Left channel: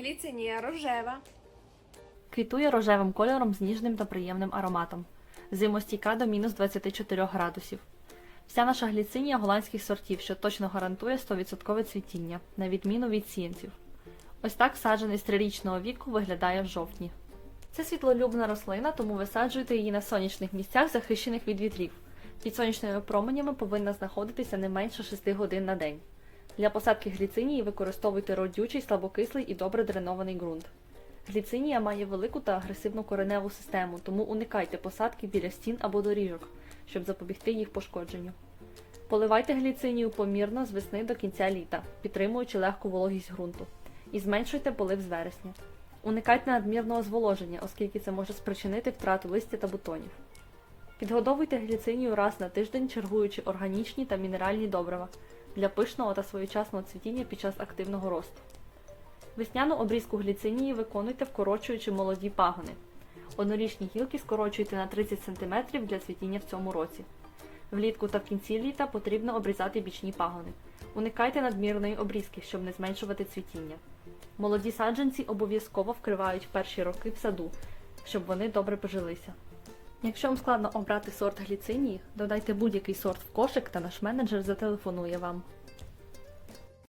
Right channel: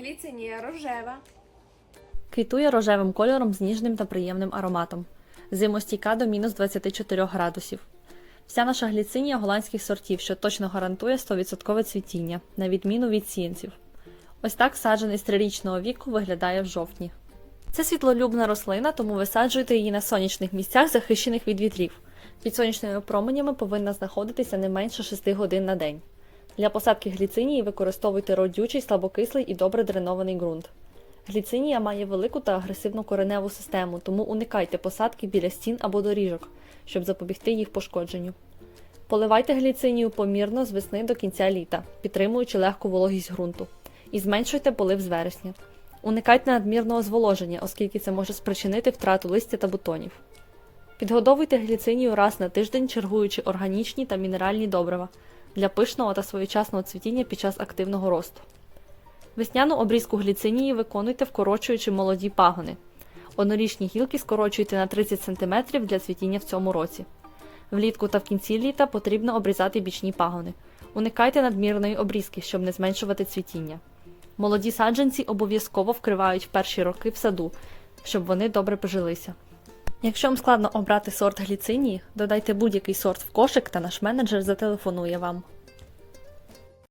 Гліцинія рожева. Квітує рожевим кольором з ніжним та приємним ароматом. Зимостійка до мінус 24 градусів. Вся наша гліцинія голландських сортів, що точно гарантує 100% цвітіння, на відміну від сіянців. Ось так саджений з трирічного віку виглядає в жовтні. Це світлолюбна рослина, тому висаджуйте її на сонячних місцях, захищених від вітрів. Під сонячними променями повинна знаходитися не менше 6 годин на день. Для посадки гліцинії використовуйте родючий, слабокислий і добре дренований ґрунт. Гліцинія має велику та агресивну кореневу систему, тому уникайте посадки біля стін або доріжок, щоб запобігти їх пошкодженню. Поливайте гліцинію помірно з весни до кінця літа, підтримуючи легку вологість ґрунту, і зменшуйте полив з вересня. Уникайте надмірного зволоження, оскільки це може спричинити втрату листя та бутонів. Підгодовуйте гліцинію раз на тиждень, чергуючи органічні та мінеральні добрива для пишного та своєчасного цвітіння під час активного росту. Весняну обрізку гліцинії виконуйте, вкорочуючи молоді пагони. Однорічні гілки скорочуйте на 30 см для цвітіння в цьому році. Влітку та в кінці літа потрібно обрізати бічні пагони. Уникайте надмірної обрізки, щоб не зменшувати цвітіння. Молоді саджанці обов'язково вкривають в перші роки в саду, щоб вони добре пожилися. Якщо вам складно обрати сорт гліцинії, додайте будь-який сорт в кошик та наш менеджер зателефонує вам.